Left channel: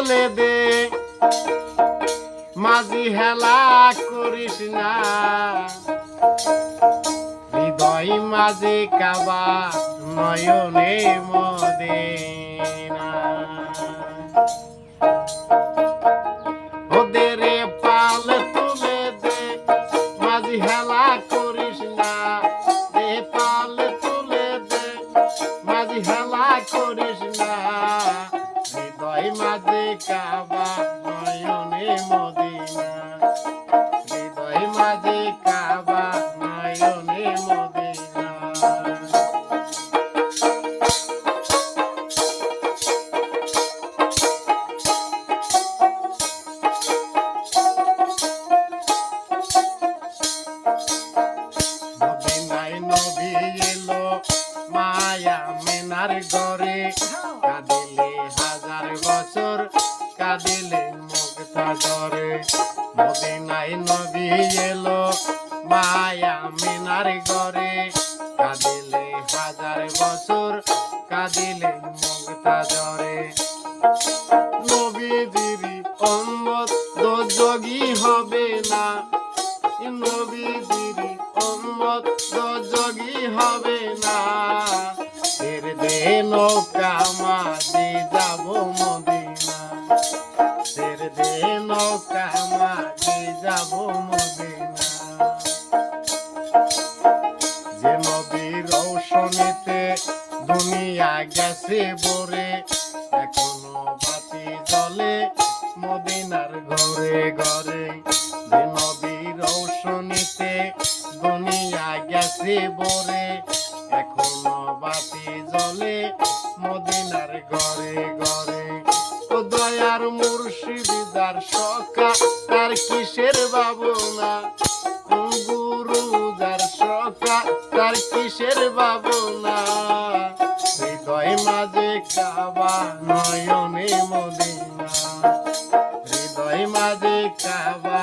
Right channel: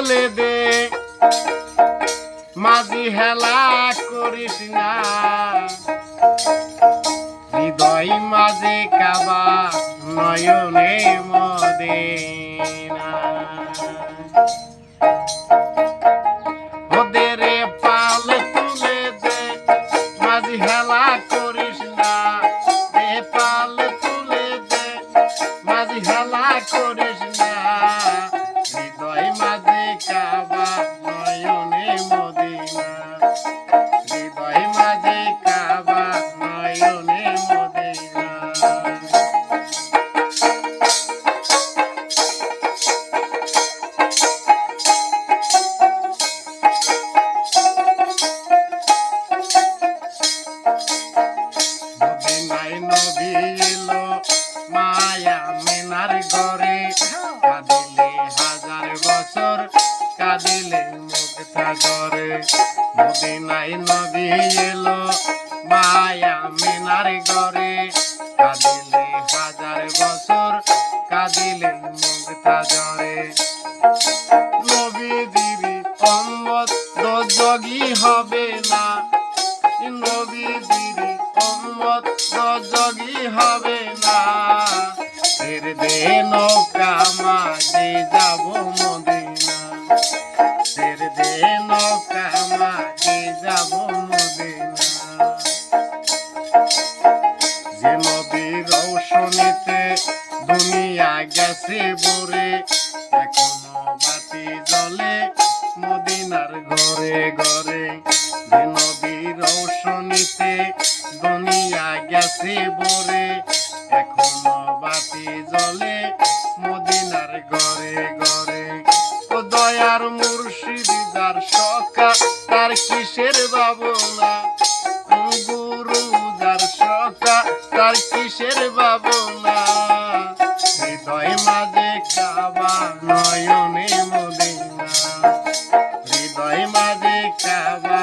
বলে দে মাঝি হেলা করিস না, হৃদয় মাঝে কাবা নয়নে মদিনা। ওদের পাল তুলে দে মাঝি হেলা করিস না, এ পাল তুলে দে মাঝি হেলা করিস না, হৃদয় মাঝে কাবা নয়নে মদিনা, হৃদয় মাঝে কাবা নয়নে মদিনা। মদিনায় নবী এলো মায়া মেনার ঘরে, কাঁদিলে হাজার বছর কাঁদিলে মুক্তা করে। মদিনায় নবী এলো মায়া মেনার ঘরে, কাঁদিলে হাজার বছর কাঁদিলে মুক্তা করে। নবীজির উম্মত দোজখী হবে না, নবীজির উম্মত দোজখী হবে না, ফের দে নৌকা মাঝে যাব মদিনা, ফের দে নৌকা মাঝে যাব মদিনা। যে নবীর রৌশনীতে দুনিয়া গেছে ভরে, এখনো বাতি জ্বলে মদিনার ঘরে ঘরে। যে নবীর রৌশনীতে দুনিয়া গেছে ভরে, এখনো বাতি জ্বলে মদিনার ঘরে ঘরে। ও দয়ার মুর্শিদ যার সখা তার কিসের ভাবনা, গুরু যার সখা তার কিসের ভাবনা, হৃদয় মাঝে কাবা নয়নে মদিনা, হৃদয় মাঝে কাবা